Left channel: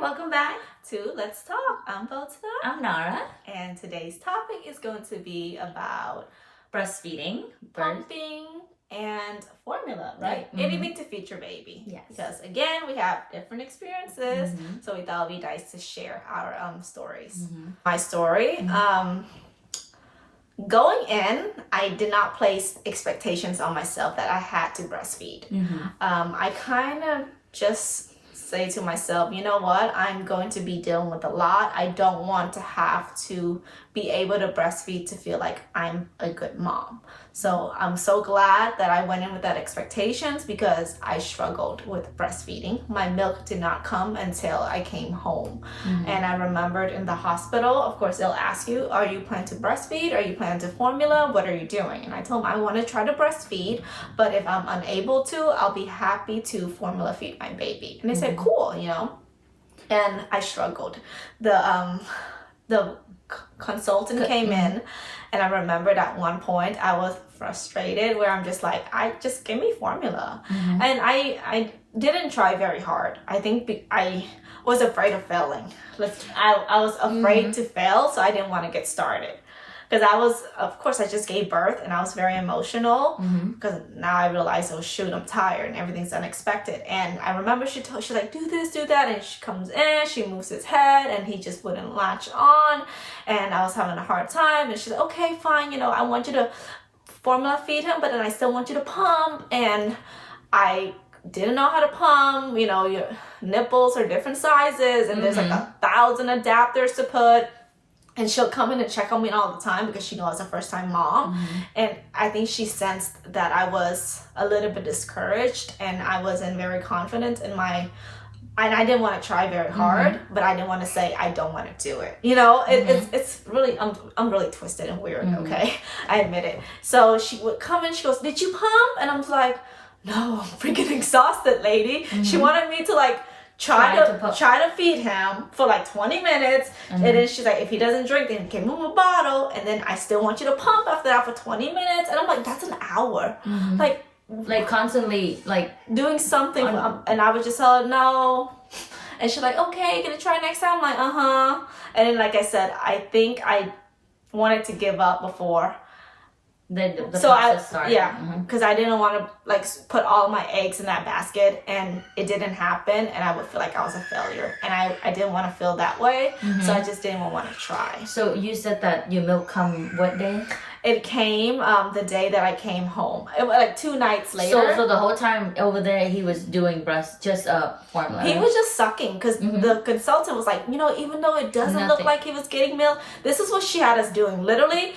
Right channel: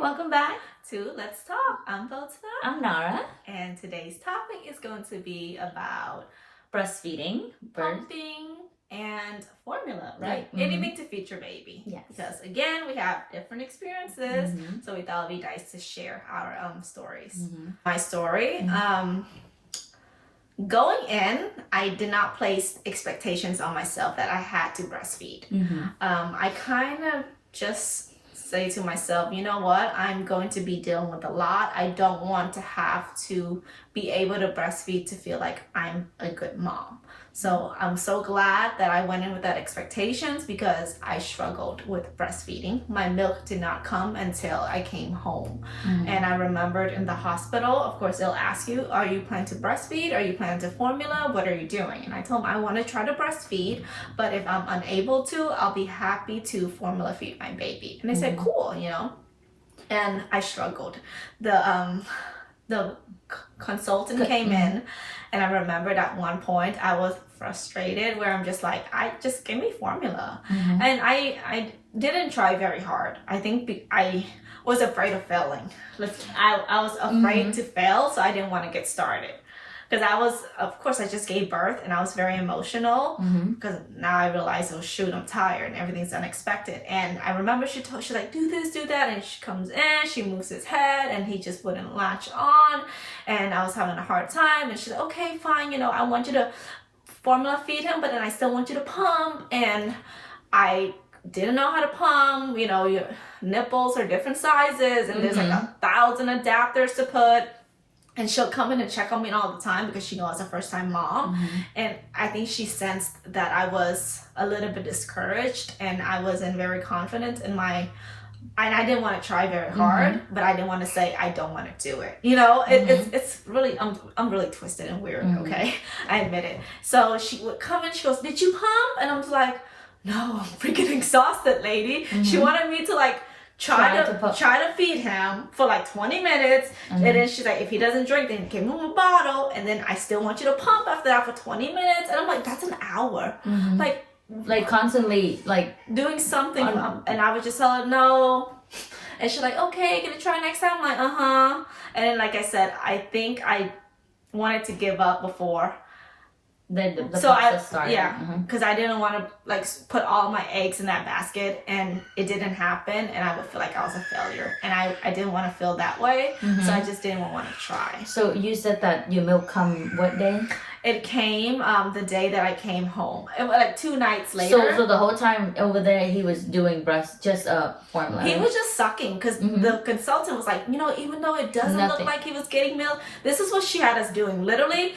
welcome back to Let's Talk. I'm Bota. I'm Nara. And today's topic is going to be about Breastfeeding, pumping, and formula, right? Mm-hmm. Anything to feed your baby. Yes. Because again, we have different experiences, so we thought it'd be nice to share our stories. My story, going in, I did not place expectations on myself that I had to breastfeed. I kind of just say to myself, you know what, I'm going to be dealing with a lot. I don't want to have to be able to breastfeed to feel like I'm a good mom. So I'm so glad that I went in with that expectations because I struggled with breastfeeding. My milk did not come until I came home. And I remembered in the hospital, of course, they'll ask you, are you planning to breastfeed? Are you planning to formula? What are you doing? And I told them I want to try to breastfeed, but if I'm unable to, I'll be happy to formula feed my baby. And they said, cool, you know. And I struggled. The consultant came in, and I remembered at one point I was frustrated where I'm just like, I just give me formula. And I didn't try very hard. I think I was afraid of failing. I was afraid to fail, so I didn't want to get started. Because of course, I just gave birth and I was very emotional because now I realize, oh shoot, I'm tired and everything's unexpected. And I remember she's like, do this, do that. And she comes in, she moves his head and he just wouldn't latch on. And I was having a hard time. And she's like, okay, fine. You know, I want you to formula feed him, but then I still want you to pump. And I didn't know how to pump. You know, your nipples are different sizes and there's like 1,000 adapters to put. And she'll come in and check on me all the time because she knows I was a first-time mom. And I think she sensed that I was a little bit discouraged and I wasn't very confident in and I didn't want to try very hard, but I didn't want to say I don't want to do it. You know, it's really, I'm really twisted and weird, okay? I admit it. So she would come in, she goes, did you pump? And I'm like, no, I'm freaking exhausted, lady. She wanted me to like, try to feed him for like 20 minutes and then she's like, if he doesn't drink, then give him a bottle and then I still want you to pump after that for 20 minutes. And I'm like, that's an hour. Like constantly like doing something and I would just tell her no, and she's like, okay, gonna try next time. I'm like, and then like I said, I think I wanted to give up before the process started. Because I didn't want to like put all my eggs in that basket and it didn't happen and I would feel like I was a failure and I didn't want to feel that way, so I just didn't want to try. So you said that your milk come what day? It came the day that I came home. It was like 2 nights later. So the whole time over there he was doing just formula. He was just sucking because the consultant was like, you know, even though it doesn't look like he was getting milk, this is what she had us doing. Literally,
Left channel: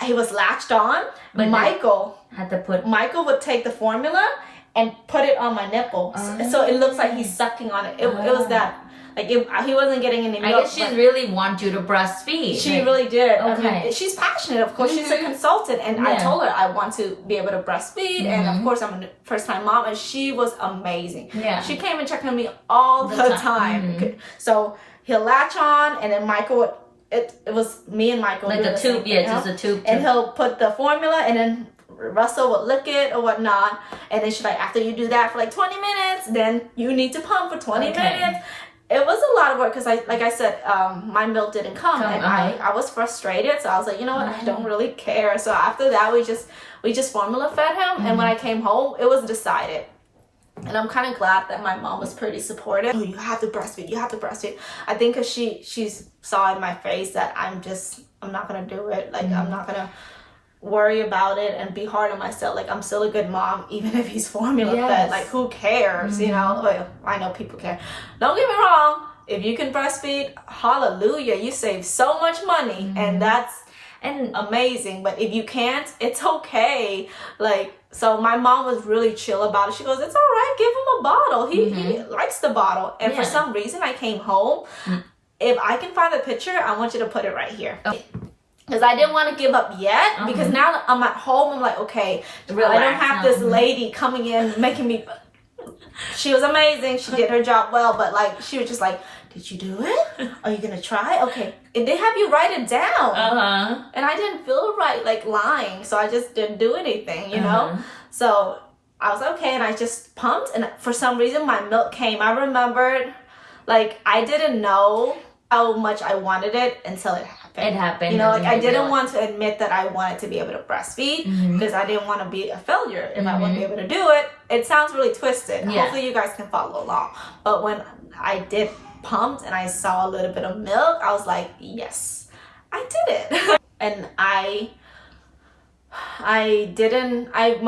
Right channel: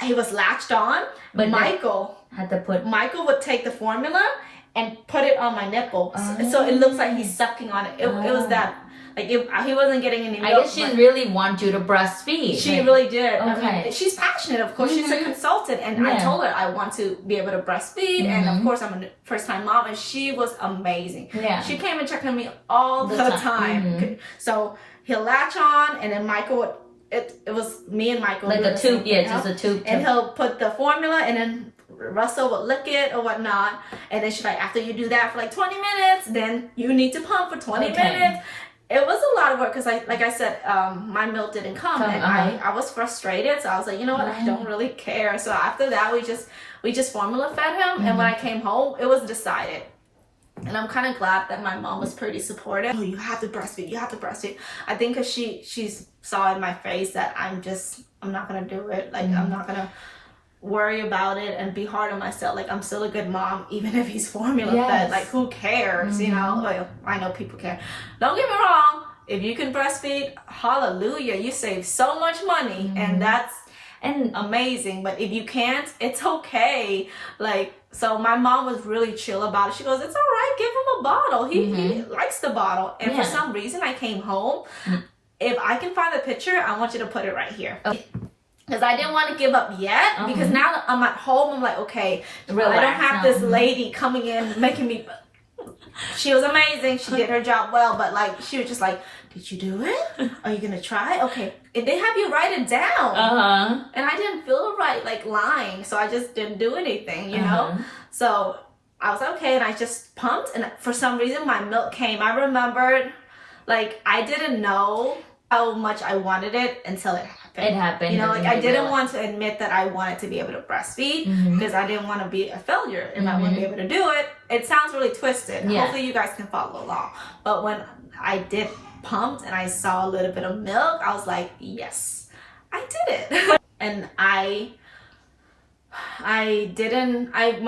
he was latched on, but Michael would take the formula and put it on my nipple, so it looks like he's sucking on it. It was that, like, he wasn't getting any milk. I guess she really wants you to breastfeed. She really did. Okay. I mean, she's passionate, of course. She's a consultant, and I told her I want to be able to breastfeed, and of course I'm a first-time mom, and she was amazing. She came and checked on me all the time. So he'll latch on, and then Michael would. It was me and Michael. Like a tube, just a tube. And he'll put the formula and then Russell would lick it or whatnot. And then she's like, after you do that for like 20 minutes, then you need to pump for 20 minutes. It was a lot of work because like I said, my milk didn't come and I was frustrated. So I was like, you know what, I don't really care. So after that, we just formula fed him. And when I came home, it was decided. And I'm kind of glad that my mom was pretty supportive. Oh, you have to breastfeed. You have to breastfeed. I think because she saw in my face that I'm not going to do it. Like, I'm not going to worry about it and be hard on myself. Like, I'm still a good mom, even if he's formula fed. Like, who cares, you know? Like, I know people care. Don't get me wrong. If you can breastfeed, hallelujah. You save so much money. And that's amazing. But if you can't, it's okay. Like, so my mom was really chill about it. She goes, it's all right, give him a bottle. He likes the bottle. And for some reason, I came home. If I can find the picture, I want you to put it right here. Because I didn't want to give up yet. Because now that I'm at home, I'm like, okay, relax, I don't have this lady coming in making me... She was amazing. She did her job well. But like, she was just like, did you do it? Are you going to try? Okay. And they have you write it down. And I didn't feel right, like lying. So I just didn't do anything, you know? So I was okay. And I just pumped. And for some reason, my milk came. I remembered like I didn't know how much I wanted it until it happened. It happened. You know, like I didn't realize. want to admit that I wanted to be able to breastfeed Mhm. because I didn't want to be a failure if I wouldn't be able to do it. It sounds really twisted. Yeah. Hopefully you guys can follow along. But when I did pumped and I saw a little bit of milk, I was like, yes, I did it. And I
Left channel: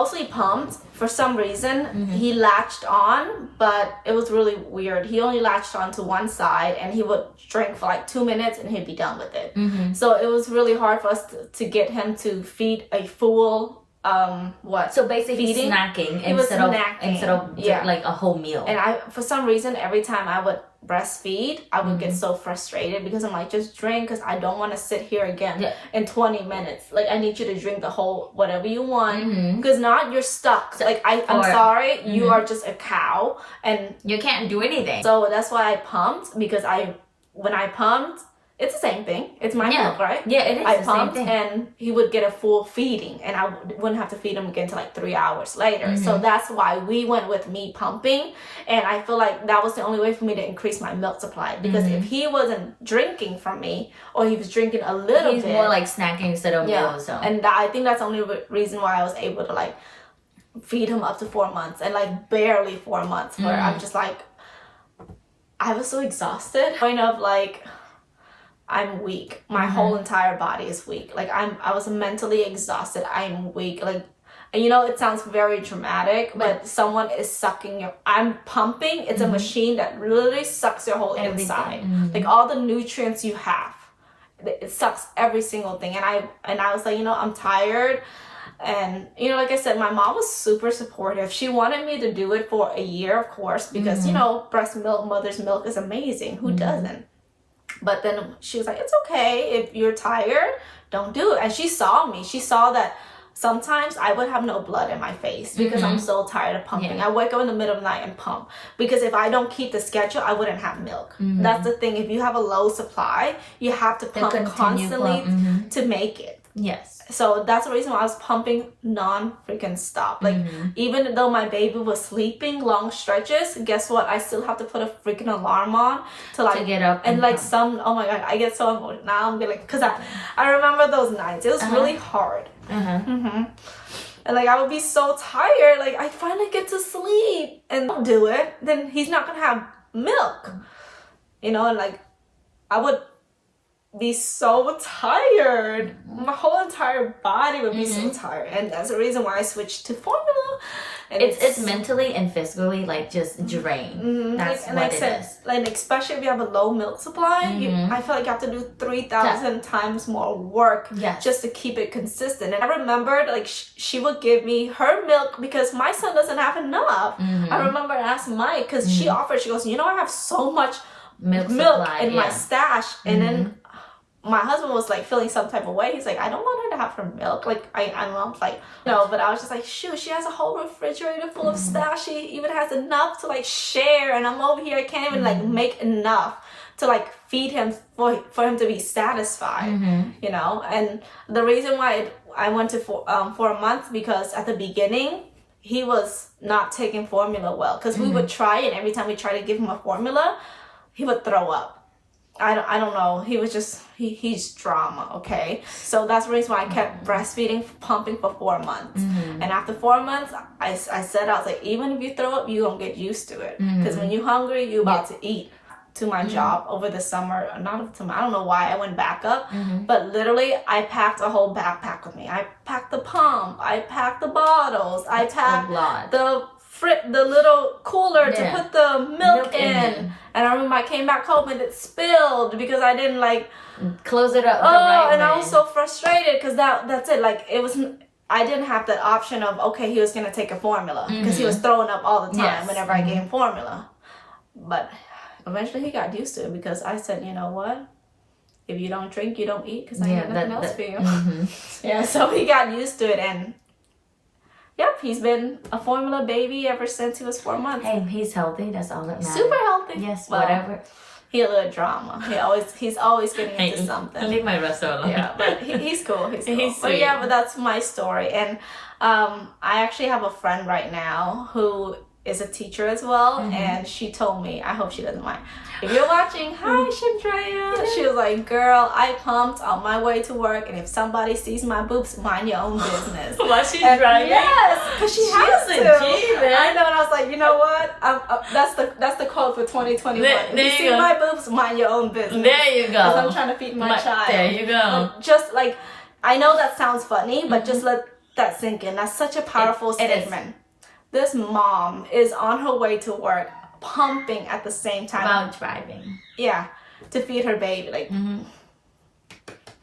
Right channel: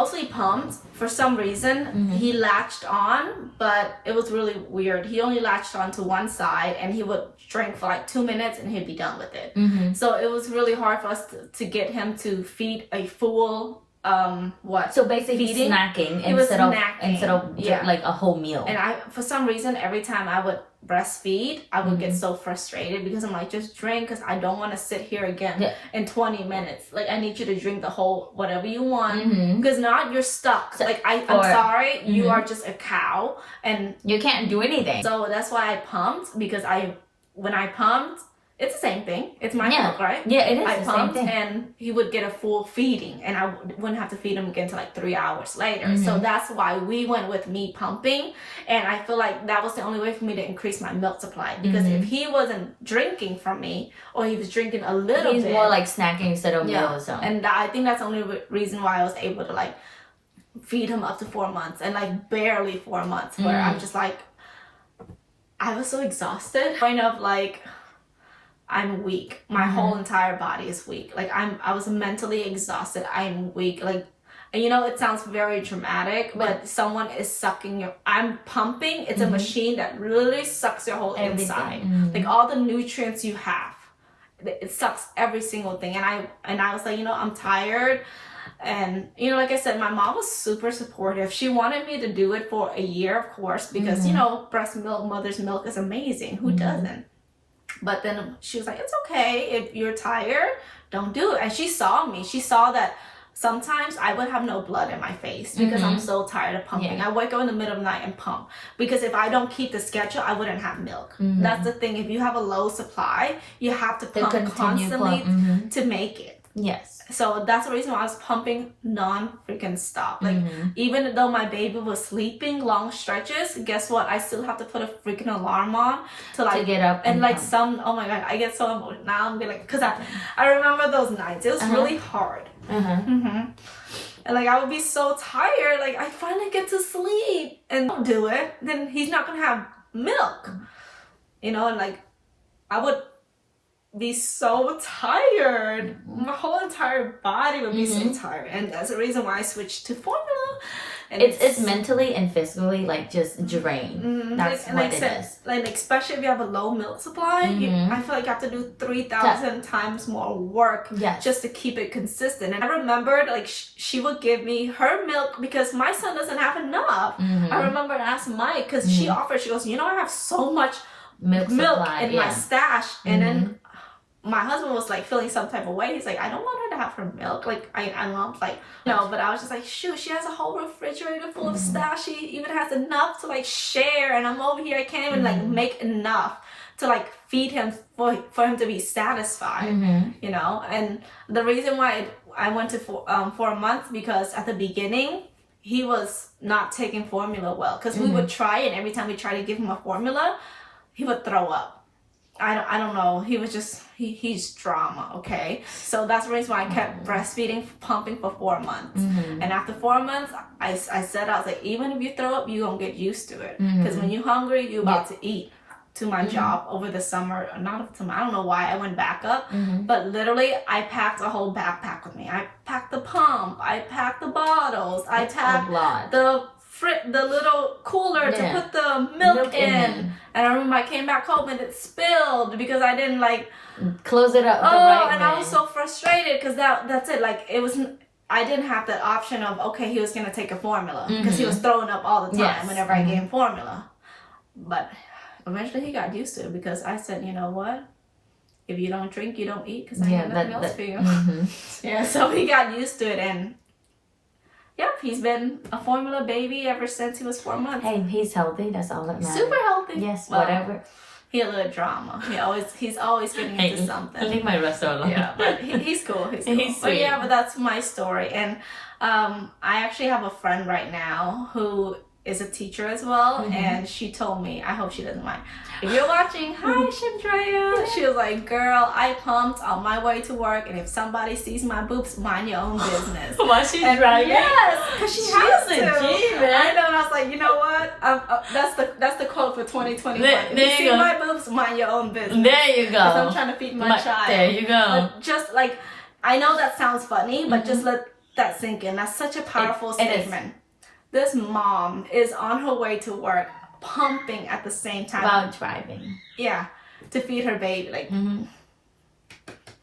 mostly pumped. For some reason, he latched on, but it was really weird. He only latched on to one side and he would drink for like 2 minutes and he'd be done with it. So it was really hard for us to get him to feed a full So basically feeding? snacking He was instead of Yeah. like a whole meal. And I, for some reason, every time I would breastfeed, I would get so frustrated because I'm like, just drink, because I don't want to sit here again in 20 minutes. Like, I need you to drink the whole whatever you want, because not you're stuck. Like, I'm sorry, you are just a cow, and you can't do anything. so that's why I pumped, because when I pumped, it's the same thing. It's my milk, right? Yeah, it is I the same pumped thing. and he would get a full feeding, and I wouldn't have to feed him again until like 3 hours later. So that's why we went with me pumping, and I feel like that was the only way for me to increase my milk supply, because if he wasn't drinking from me, or he was drinking a little He's bit, more like snacking instead of meals. So. and I think that's the only reason why I was able to like feed him up to 4 months, and like barely 4 months, where I'm just like, I was so exhausted, kind of like, I'm weak. My whole entire body is weak. Like I was mentally exhausted. I'm weak. Like, and you know, it sounds very dramatic, but someone is sucking your, I'm pumping. It's a machine that literally sucks your whole inside. Like all the nutrients you have, it sucks every single thing. And I was like, you know, I'm tired. And, you know, like I said, my mom was super supportive. She wanted me to do it for a year, of course, because, you know, breast milk, mother's milk is amazing. Who doesn't? But then she was like, it's okay. If you're tired, don't do it. And she saw me. She saw that sometimes I would have no blood in my face because I'm so tired of pumping. I wake up in the middle of the night and pump. Because if I don't keep the schedule, I wouldn't have milk. That's the thing. If you have a low supply, you have to pump constantly to make it. Yes. So that's the reason why I was pumping non-freaking stop. Like, even though my baby was sleeping long stretches, guess what? I still have to put a freaking alarm on to like get up and like pump. oh my God, I get so emotional now. I'm like, because I remember those nights. It was really hard. And like I would be so tired. Like I finally get to sleep and don't do it, then he's not gonna have milk. You know, and like I would be so tired. My whole entire body would be so tired, and that's the reason why I switched to formula. And it's mentally and physically like just drained. That's what it is. Like especially if you have a low milk supply, I feel like you have to do 3,000 times more work just to keep it consistent. And I remembered like she would give me her milk because my son doesn't have enough. I remember I asked Mike because she offered. She goes, you know, I have so much milk supply, in my stash, and then my husband was like feeling some type of way. He's like, I don't want her to have her milk. Like I'm like, no, but I was just like, shoot, she has a whole refrigerator full of stash. She even has enough to like share, and I'm over here, I can't even like make enough to like feed him for him to be satisfied. You know, and the reason why I went to 4 months, because at the beginning he was not taking formula well, because we would try it. Every time we try to give him a formula, he would throw up. I don't know. He was just, he's drama, okay? So that's the reason why I kept breastfeeding, pumping for 4 months. And after 4 months, I said, I was like, even if you throw up, you gonna get used to it. Because when you're hungry, you're about to eat. To my job over the summer, I don't know why I went back up, but literally I packed a whole backpack with me. I packed the pump, I packed the bottles, I packed the little cooler to put the milk in. And I remember I came back home and it spilled because I didn't like close it up. I was so frustrated because that's it. Like it wasn't. I didn't have the option of okay, he was gonna take a formula because he was throwing up all the time whenever I gave him formula. But eventually he got used to it because I said, you know what? If you don't drink, you don't eat, because I have nothing else for you. Yeah, so he got used to it, and yep, he's been a formula baby ever since he was 4 months. Hey, he's healthy. That's all that matters. Super healthy. Yes, well, whatever. He a little drama. He's always getting into something. I leave my rest alone. Yeah, but he's cool. He's cool. He's but that's my story. And I actually have a friend right now who is a teacher as well, and she told me, I hope she doesn't mind. If you're watching, hi Shimtraya. She was like, girl, I pumped on my way to work, and if somebody sees my boobs, mind your own business. While she's driving? Yes, because she has to. G, man. I know, and I was like, you know what? That's the quote for 2021. If you see my boobs, mind your own business. There you go. Because I'm trying to feed my child. There you go. But just like, I know that sounds funny, but just let that sink in. That's such a powerful statement. This mom is on her way to work, pumping at the same time. While driving. Yeah, to feed her baby. Like,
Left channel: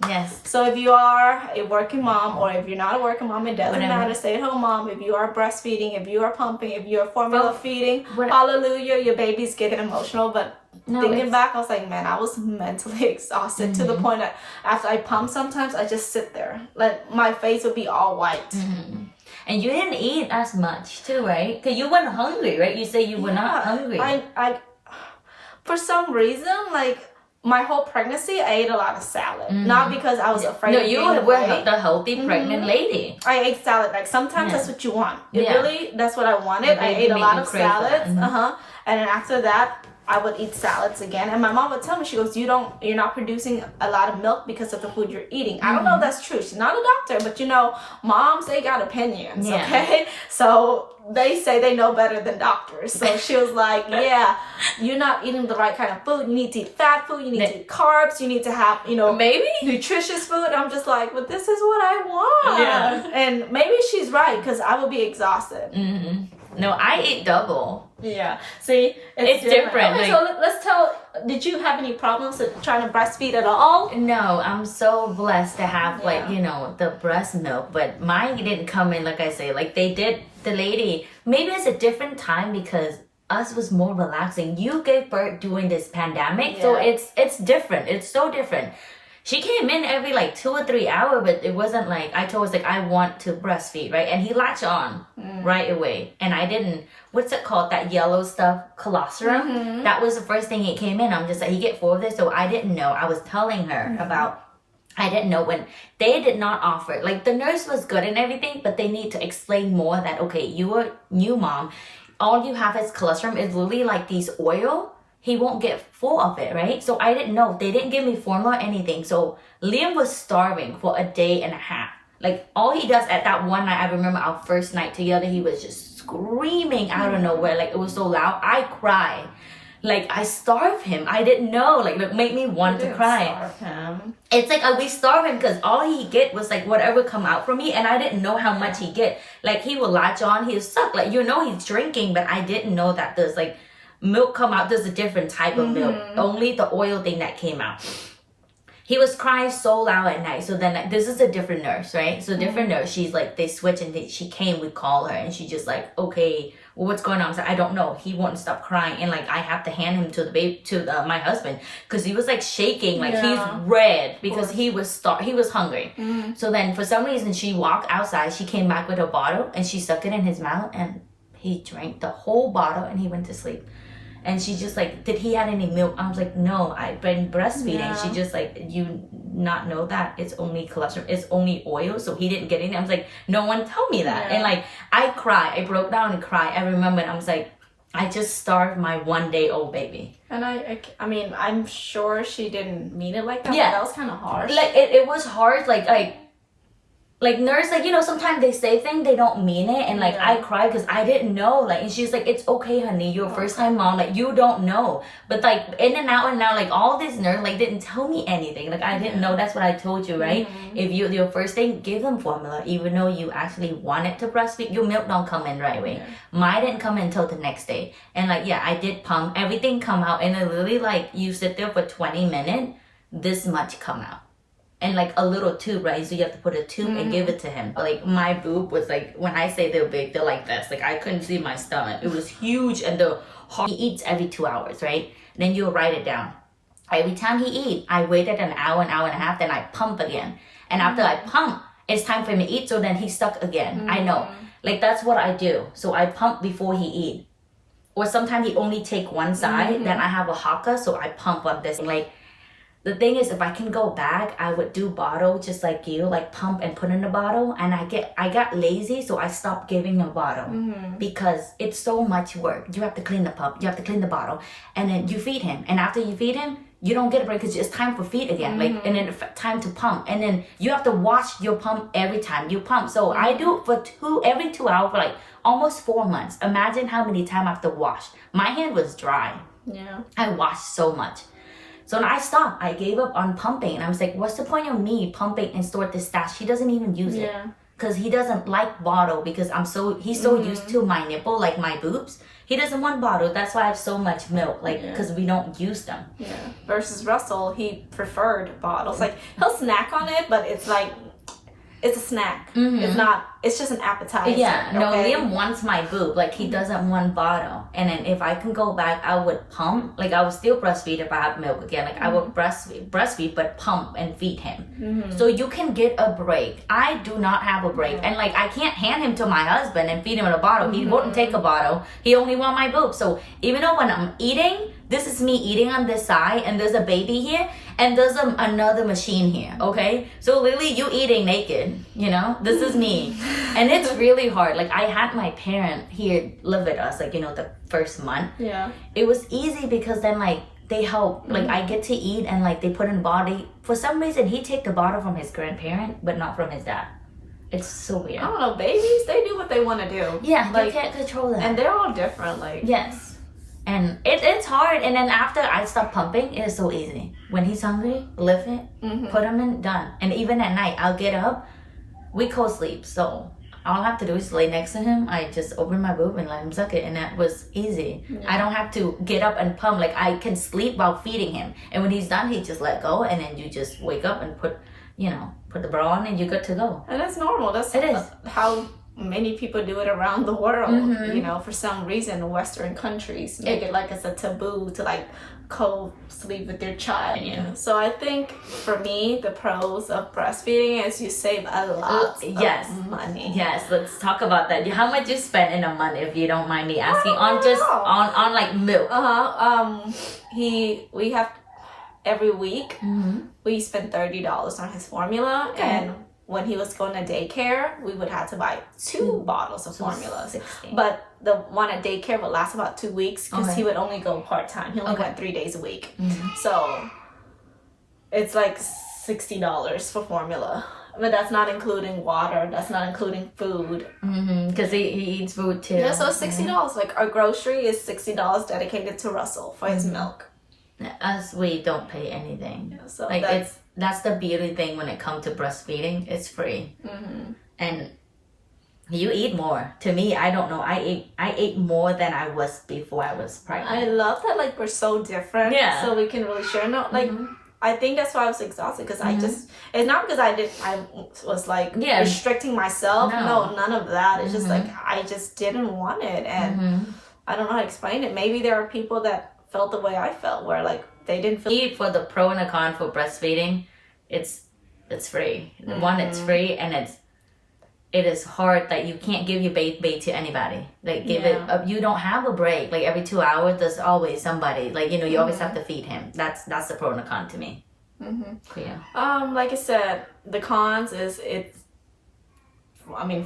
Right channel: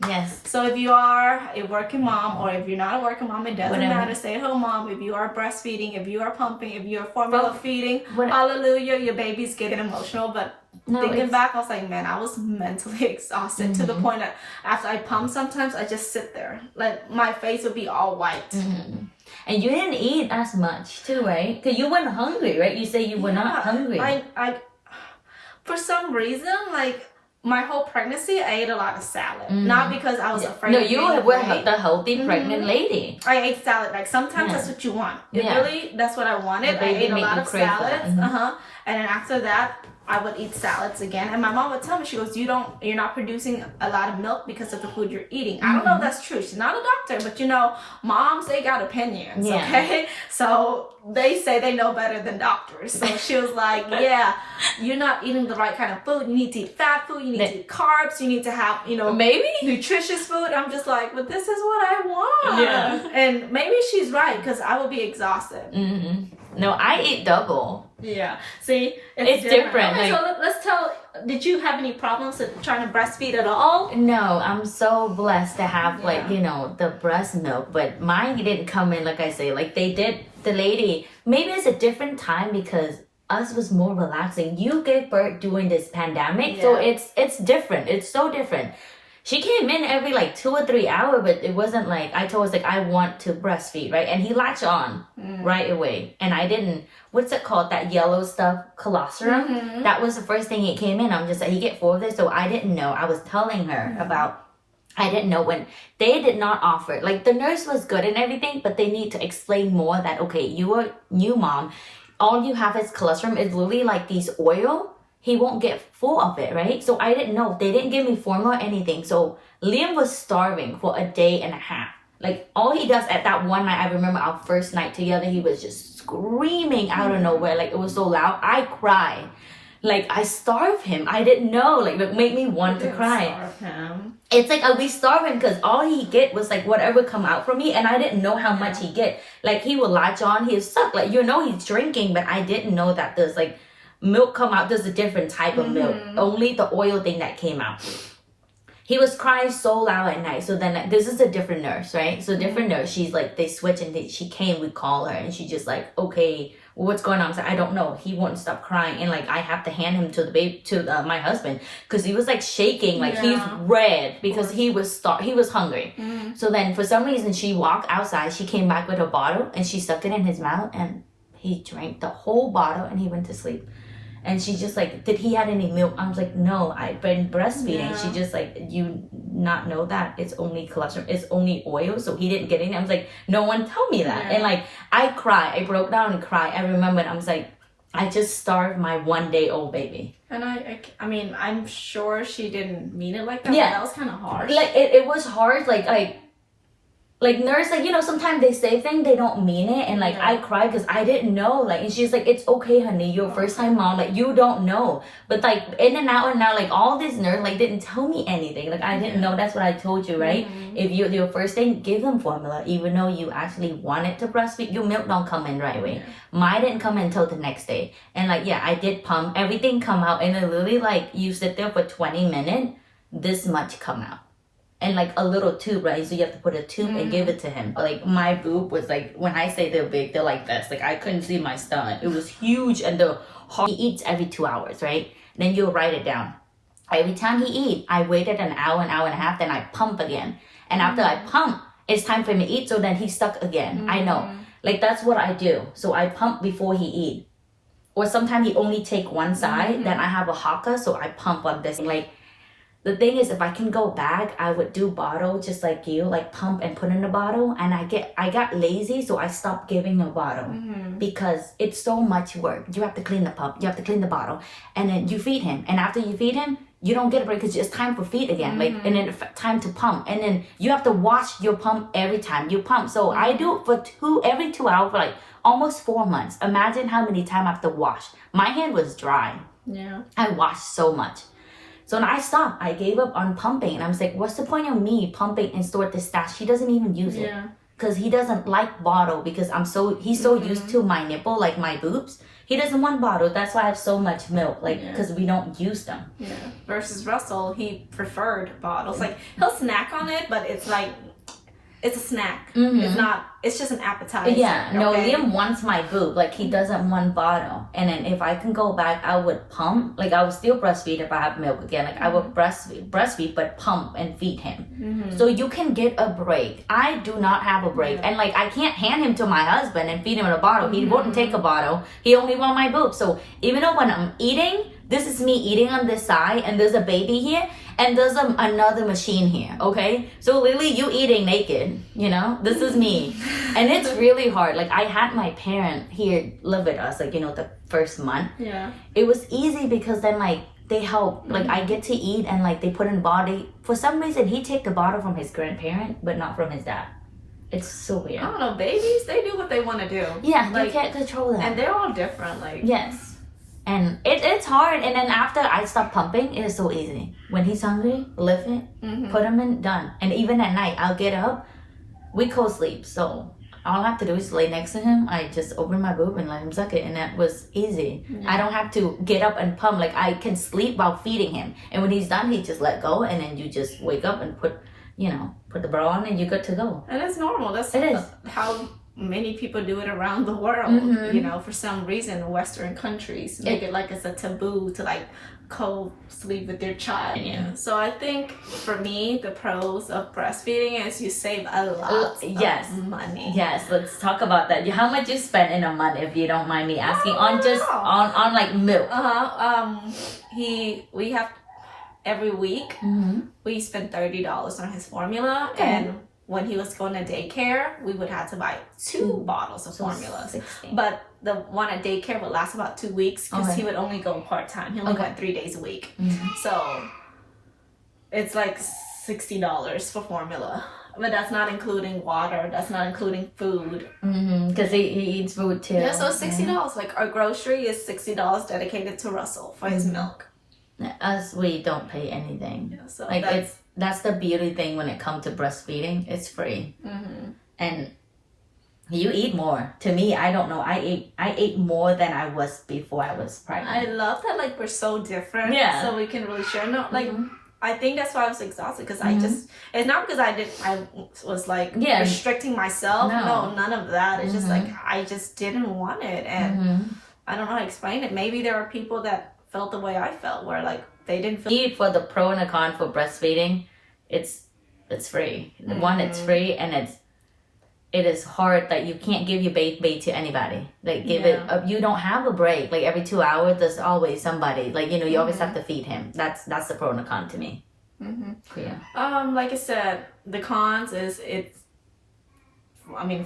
yes. So if you are a working mom, or if you're not a working mom, it doesn't matter. Stay-at-home mom. If you are breastfeeding, if you are pumping, if you are formula feeding, hallelujah, your baby's getting emotional. But thinking back, I was like, man, I was mentally exhausted to the point that after I pump, sometimes I just sit there. Like, my face would be all white. And you didn't eat as much too, right? Because you weren't hungry, right? You say you were not hungry. I for some reason, like, my whole pregnancy, I ate a lot of salad. Not because I was afraid. No, of you being were weight. the healthy pregnant lady. I ate salad. Like, sometimes that's what you want. Really, that's what I wanted. I ate a lot of salads. And then after that, I would eat salads again. And my mom would tell me, she goes, you're not producing a lot of milk because of the food you're eating. I don't know if that's true. She's not a doctor, but moms, they got opinions, okay? So they say they know better than doctors. So she was like, yeah, you're not eating the right kind of food. You need to eat fat food. You need to eat carbs. You need to have, maybe nutritious food. I'm just like, but this is what I want. Yeah. And maybe she's right, because I will be exhausted. No, I eat double. Yeah. See, it's different. Okay, so let's tell. Did you have any problems with trying to breastfeed at all? No, I'm so blessed to have the breast milk, but mine didn't come in like I say. Like they did, the lady. Maybe it's a different time because us was more relaxing. You gave birth during this pandemic, so it's different. It's so different. She came in every 2 or 3 hours, but it wasn't like, I told her, I want to breastfeed, right? And he latched on right away. And I didn't, what's it called? That yellow stuff, colostrum. That was the first thing it came in. I'm just like, he get 4 of this. So I didn't know. I was telling her about, I didn't know when they did not offer. Like the nurse was good and everything, but they need to explain more that, okay, you are new mom. All you have is colostrum. It's literally like these oil. He won't get full of it, right? So I didn't know. They didn't give me formula or anything. So Liam was starving for a day and a half. Like all he does at that one night, I remember our first night together, he was just screaming out of nowhere. Like it was so loud. I cried. Like I starved him. I didn't know. Like it made me want to cry. Starve him. It's like we starved him because all he get was like whatever come out from me, and I didn't know how much he get. Like he would latch on, he'd suck. Like he's drinking, but I didn't know that there's milk come out. There's a different type of milk. Only the oil thing that came out. He was crying so loud at night. So then this is a different nurse, right? So different nurse. She's like, they switch and she came, we call her, and she just like, okay, well, what's going on? I was like, I don't know. He won't stop crying, and I have to hand him to the baby, to my husband, because he was shaking, he's red because he was hungry. So then for some reason she walked outside. She came back with a bottle and she stuck it in his mouth, and he drank the whole bottle and he went to sleep. And she just did he have any milk? I was like, no, I've been breastfeeding. She just you not know that it's only cholesterol, it's only oil, so he didn't get any. I was like, no one told me that. And I cried. I broke down and cried. I remembered. I was like, I just starved my 1-day-old baby. And I mean, I'm sure she didn't mean it like that. Yeah, but that was kind of harsh. It was hard. Nurse, sometimes they say things, they don't mean it. And I cried because I didn't know. And she's like, it's okay, honey. You're a first time mom. You don't know. But in and out, all this nurse, didn't tell me anything. I didn't know. That's what I told you, right? If your first thing, give them formula. Even though you actually wanted to breastfeed, your milk don't come in right away. Mine didn't come in until the next day. And I did pump. Everything come out. And it literally, you sit there for 20 minutes, this much come out. And a little tube, right? So you have to put a tube and give it to him. My boob was when I say they're big, they're like this. I couldn't see my stomach. It was huge, and he eats every 2 hours, right? Then you write it down. Every time he eat, I waited an hour and a half, then I pump again. And after I pump, it's time for him to eat, so then he's stuck again. I know. That's what I do. So I pump before he eat. Or sometimes he only take one side, then I have a haka, so I pump on this. the thing is, if I can go back, I would do bottle just like you, like pump and put in the bottle. And I got lazy, so I stopped giving the bottle because it's so much work. You have to clean the pump, you have to clean the bottle, and then you feed him. And after you feed him, you don't get a break because it's time for feed again, like, and then time to pump, and then you have to wash your pump every time you pump. So I do it for every 2 hours for like almost 4 months. Imagine how many times I have to wash. My hand was dry. Yeah. I washed so much. So when I stopped, I gave up on pumping, and I was like, what's the point of me pumping and store this stash? He doesn't even use it because he doesn't like bottle because he's so used to my nipple, like my boobs. He doesn't want bottle. That's why I have so much milk, like, because we don't use them. Yeah. Versus Russell, he preferred bottles. Like, he'll snack on it, but it's like, it's a snack. It's not, it's just an appetizer. Yeah, no, okay? Liam wants my boob. Like, he doesn't want bottle. And then if I can go back, I would pump. Like, I would still breastfeed if I have milk again. Like, I would breastfeed, but pump and feed him. So you can get a break. I do not have a break. And, like, I can't hand him to my husband and feed him in a bottle. He wouldn't take a bottle. He only want my boob. So even though when I'm eating, this is me eating on this side, and there's a baby here, and there's another machine here, okay? So literally, you eating naked, you know? This is me. And it's really hard. Like, I had my parent here live with us, like, you know, the first month. Yeah. It was easy because then, like, they help. Like, I get to eat, and, like, they put in the body. For some reason, he take the bottle from his grandparent, but not from his dad. It's so weird. I don't know, babies, they do what they want to do. Yeah, like, you can't control that. And they're all different, like. Yes. And it's hard. And then after I stop pumping, it is so easy. When he's hungry, lift it, put him in, done. And even at night, I'll get up. We co-sleep, so all I have to do is lay next to him. I just open my boob and let him suck it, and that was easy. I don't have to get up and pump. Like, I can sleep while feeding him. And when he's done, he just let go, and then you just wake up and put the bra on, and you're good to go. And it's normal. That's It is. how many people do it around the world. You know, for some reason, Western countries make it like it's a taboo to like co-sleep with your child. Yeah. So I think for me, the pros of breastfeeding is you save a lot of money. Yes, let's talk about that. How much you spend in a month, if you don't mind me asking, on like milk? We have every week we spend $30 on his formula, and when he was going to daycare, we would have to buy 2 bottles of formula. 16. But the one at daycare would last about 2 weeks because he would only go part-time. He only went 3 days a week. So it's like $60 for formula. But that's not including water. That's not including food. Because he eats food too. Yeah, so it's $60. Like, our grocery is $60 dedicated to Russell for his milk. Us, we don't pay anything. Yeah, so like, that's the beauty thing when it comes to breastfeeding. It's free. And you eat more. To me, I don't know. I ate more than I was before I was pregnant. I love that, like, we're so different. Yeah. So we can really share. No, like, I think that's why I was exhausted, because I just, it's not because I was like restricting myself. No, none of that. It's just like, I just didn't want it. And I don't know how to explain it. Maybe there are people that felt the way I felt, where like they didn't feel. For the pro and the con for breastfeeding, it's free. One, it's free, and it is hard that you can't give your baby to anybody. Like, give it you don't have a break. Like, every 2 hours there's always somebody. Like, you know, you always have to feed him. That's the pro and the con to me. Yeah. Like I said, the cons is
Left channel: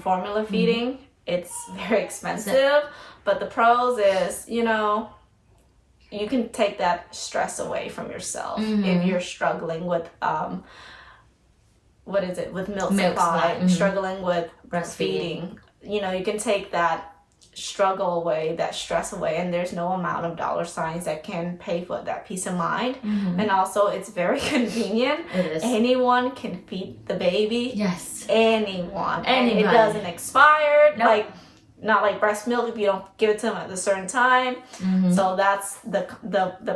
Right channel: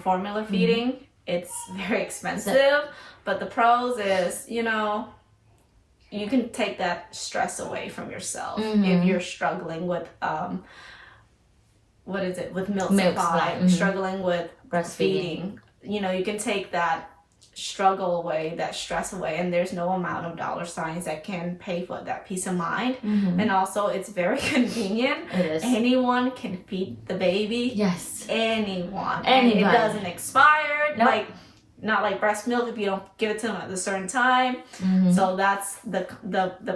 formula feeding, it's very expensive. But the pros is, you know, you can take that stress away from yourself if you're struggling with with milk supply, struggling with breastfeeding. You know, you can take that struggle away, that stress away, and there's no amount of dollar signs that can pay for that peace of mind. And also, it's very convenient. It is. Anyone can feed the baby. Yes. Anybody. It doesn't expire. Nope. Like, not like breast milk if you don't give it to them at a certain time. So that's the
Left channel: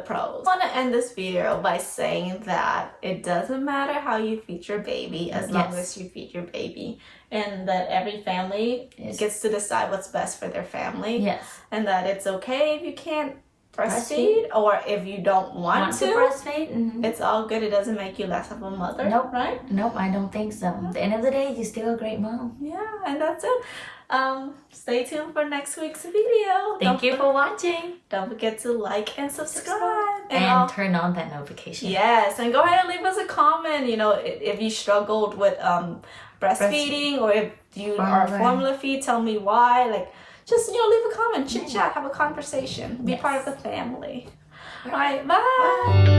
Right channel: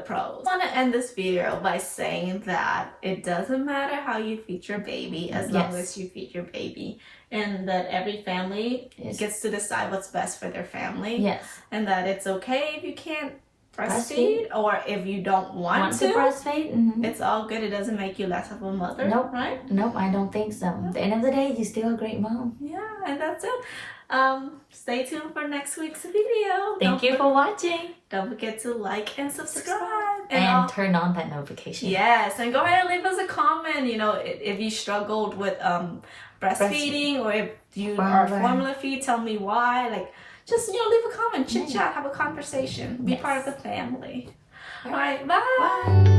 pros. I want to end this video by saying that it doesn't matter how you feed your baby as long as you feed your baby, and that every family gets to decide what's best for their family. Yes. And that it's okay if you can't breastfeed, or if you don't want to breastfeed. It's all good. It doesn't make you less of a mother. Nope. Right? Nope, I don't think so. At the end of the day, you're still a great mom. Yeah, and that's it. Stay tuned for next week's video. Thank you for watching. Don't forget to like and subscribe. and turn on that notification. Yes, and go ahead and leave us a comment. You know, if you struggled with breastfeeding or if you are formula feed, tell me why. Like, just, you know, leave a comment, chit chat, have a conversation, be part of the family. All right, bye.